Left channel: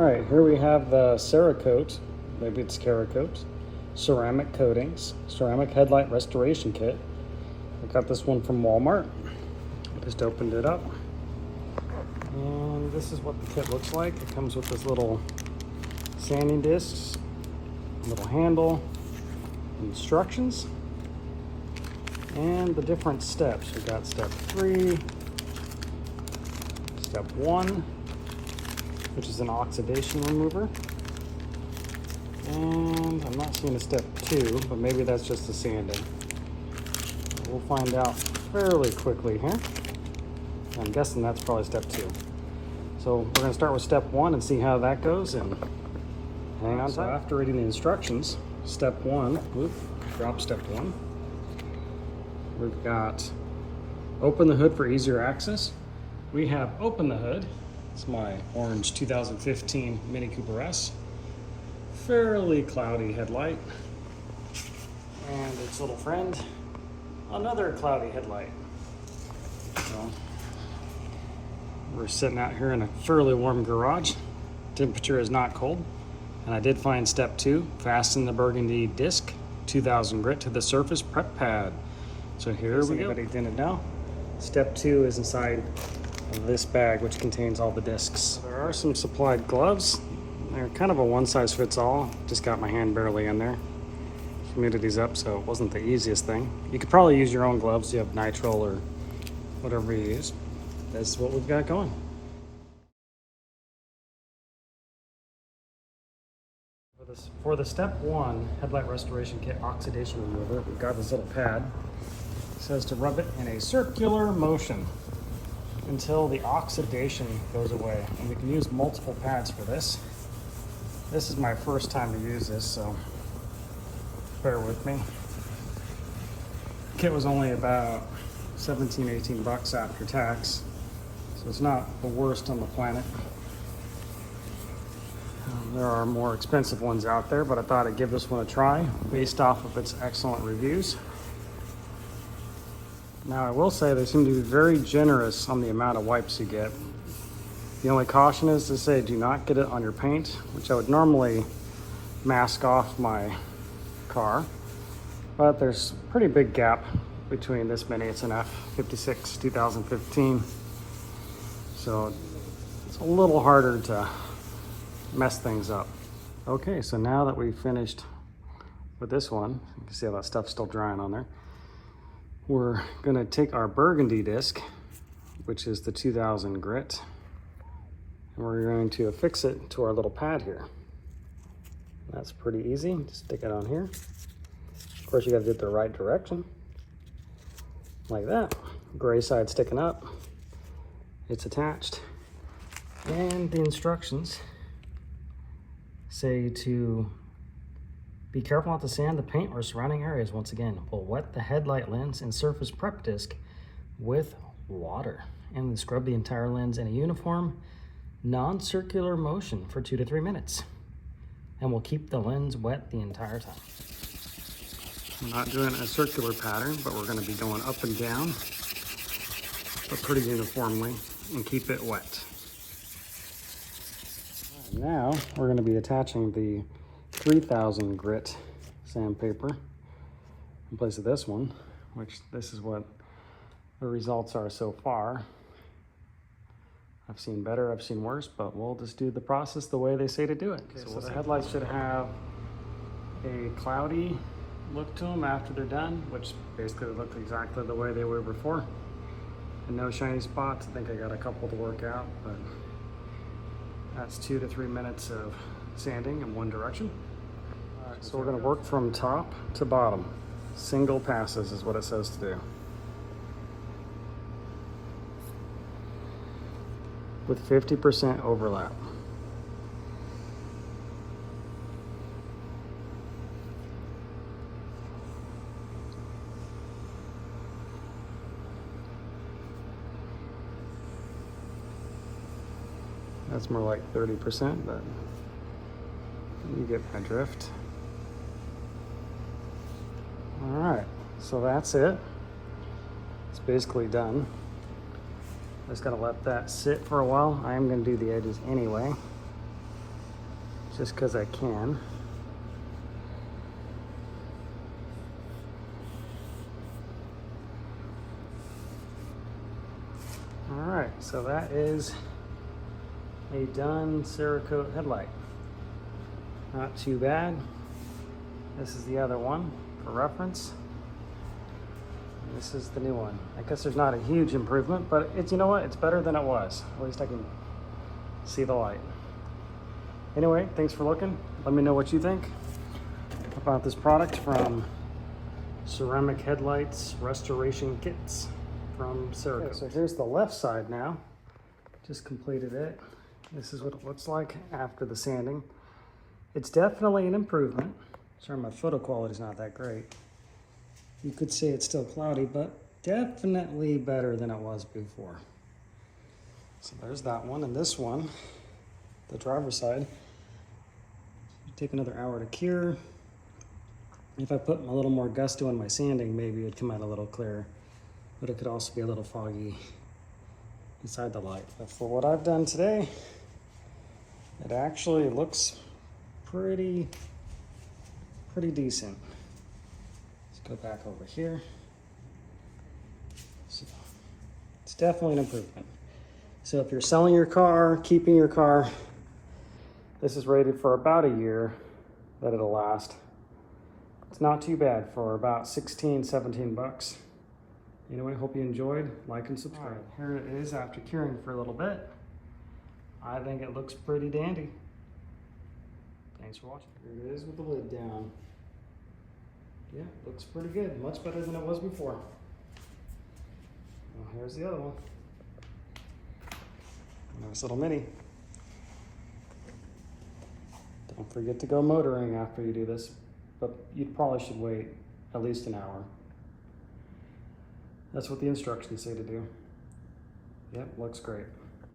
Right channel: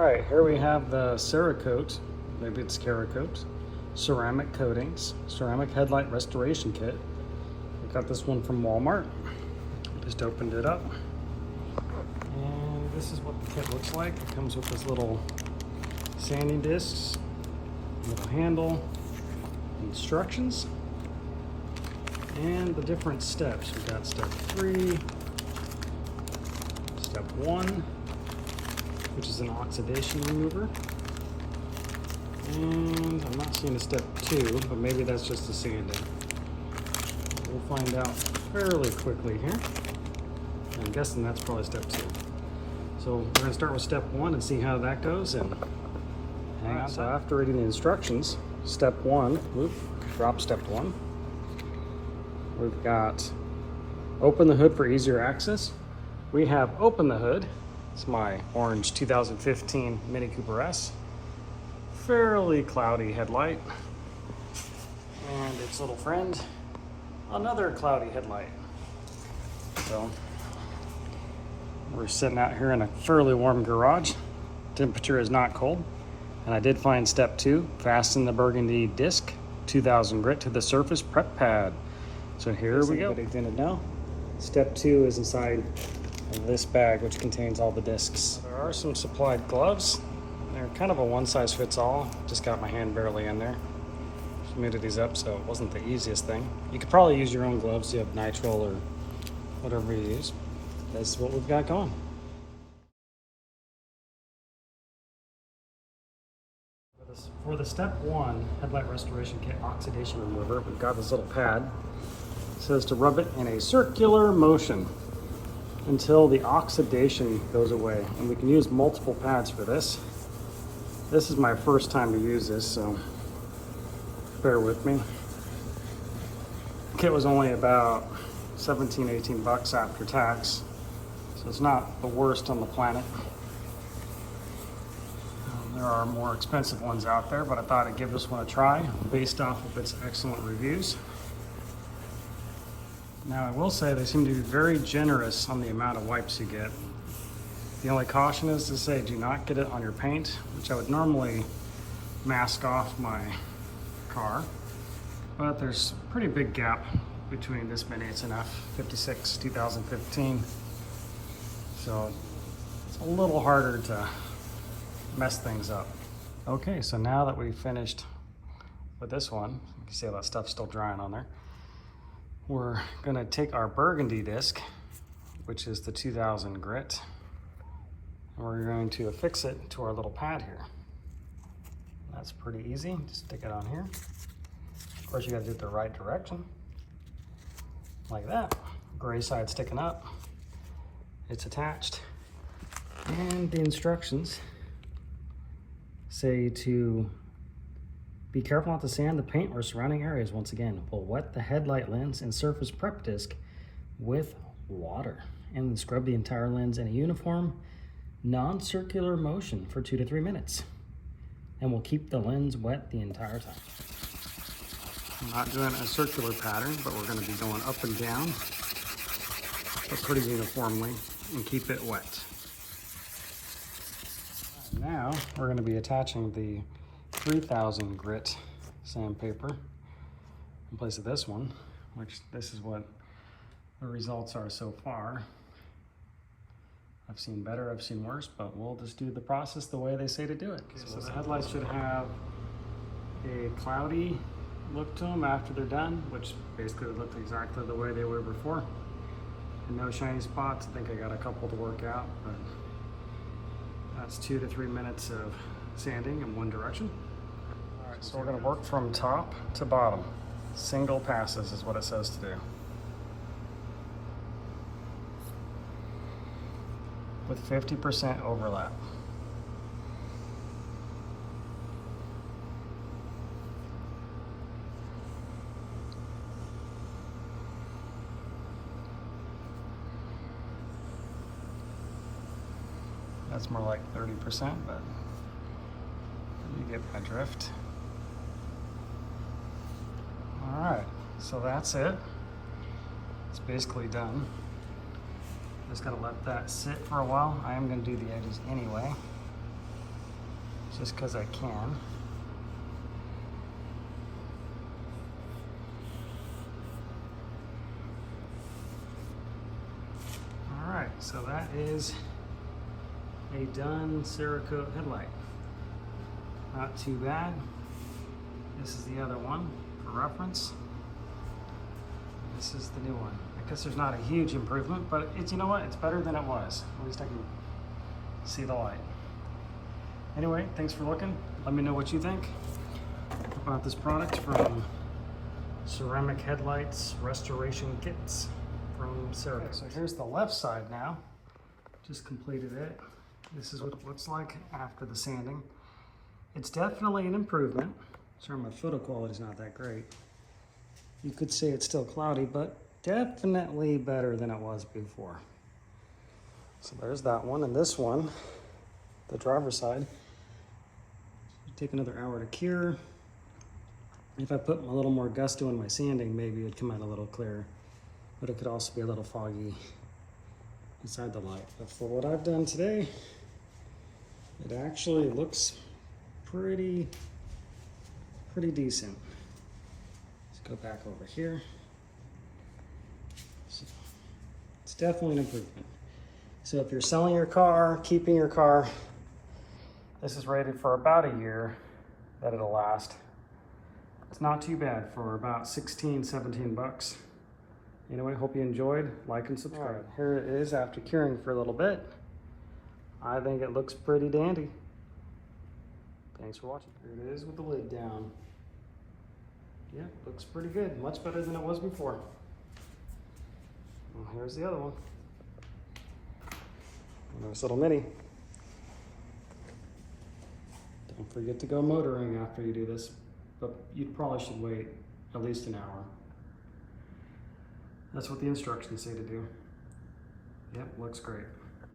right, here we have the Cerakote, maybe it's Cerakote, ceramic coatings, ceramic headlight restoration kit. I got this one from Walmart. Just opened it up. And this is what the kit looks like. It comes with this little sanding discs, little handle, instructions, and the different steps. We've got step 3, step 1, which is an oxidation remover. And I'm not seeing a step 2, but maybe that's just the sanding. We'll find out fairly quickly here. I'm guessing that's probably step 2. So we're going to start with step 1 and see how that goes, and hang on. So after reading the instructions, step 1, drop step 1. We've got open the hood for easier access. We have open the hood. It's my orange 2015 Mini Cooper S. Fairly cloudy headlight. And its little friend, another cloudy headlight. So we're sitting out here in a fairly warm garage. Temperature is not cold. And I did find step 2, fasten the burgundy disc 2000 grit to the surface prep pad. So here we go. Now, step 2 is inside this bag, which contains all the discs. There are some supplied gloves. They're kind of a one-size-fits-all. Just got my hand barely in there. Humidity's up, so it wasn't the easiest thing. You could probably use your own gloves. You have nitrile or whatever you use. That's what we've got going. For the step 1 headlight restoration kit oxidation remover, we've got this little pad. It says to rub it in a circular motion until the oxidation goes away. And we can use multiple pads for this. This is my first time to use this, so bear with me. The kit was only about 17, 18 bucks after tax, so it's not the worst on the planet. There are more expensive ones out there, but I thought I'd give this one a try based off of its excellent reviews. Now I will say they seem to be very generous on the amount of wipes you get. The only caution is to say do not get it on your paint, which I would normally mask off my car. But there's a pretty big gap between this Mini. It's an F56 2015. So it's a little harder to mess things up. Okay, so now that we've finished with this one, you can see all that stuff's still drying on there. We're gonna take our burgundy disc, which is the 2000 grit, and we're going to affix it to our little pad here. That's pretty easy, just stick it on here. Of course, you gotta do it the right direction, like that. Gray side sticking up, it's attached. And the instructions say to be careful not to sand the paint or surrounding areas. Once again, we'll wet the headlight lens and surface prep disc with water and then scrub the entire lens in a uniform, non-circular motion for 2 to 3 minutes. And we'll keep the lens wet the entire time. I'm not doing a circular pattern, but we're gonna be going up and down, but pretty uniformly, and keep it wet. Now we're going to be attaching the 3000 grit sandpaper in place of this one, which this is what the results are so far. I've seen better, I've seen worse, but we'll just do the process the way they say to do it. Okay, so the headlights should have a cloudy look to them after they're done, which basically look exactly the way they were before. And no shiny spots. I think I got a couple to work out, but that's 2 to 3 minutes of sanding in one direction. All right, so we're going to work from top to bottom. Single passes is what it says to do. With 50% overlap. That's more like 30%, but you get my drift. All right, so that's it. It's basically done. Just gotta let that sit for a while. I'm gonna do the edges anyway. just because I can. All right, so that is a done Cerakote headlight. Not too bad. This is the other one for reference. This is the new one. I guess there's not a huge improvement, but it's, you know what? It's better than it was. At least I can see the light. Anyway, thanks for looking. Let me know what you think about this product from Ceramic Headlights Restoration Kits from Cerakote. Okay, so here's the left side now. Just completed it. This is what it looks like after the sanding. It's definitely an improvement. Sorry, my photo quality is not that great. You could say it's still cloudy, but definitely better than it was before. So there's that one, and this one, the driver's side, take another hour to cure. If I put a little more gusto in my sanding, maybe it'd come out a little clearer, but it could also be a little foggy inside the light. But for what I've done today, it actually looks pretty decent. Let's go back over here. So it's definitely an improvement. So if you're selling your car, keeping your car, this is rated for about a year that it'll last. It's not too bad for about 16, 17 bucks. Anyway, hope you enjoyed. Like and subscribe. Right, here it is after curing for a little bit. I think it looks pretty dandy. Thanks for watching. Here it is with the lid down. Yeah, looks pretty good. Much better than it was before. Well, here's the other one. Nice little mini. Don't forget to go motoring after you do this, but you probably should wait at least an hour. That's what the instructions say to do. Yep, looks great.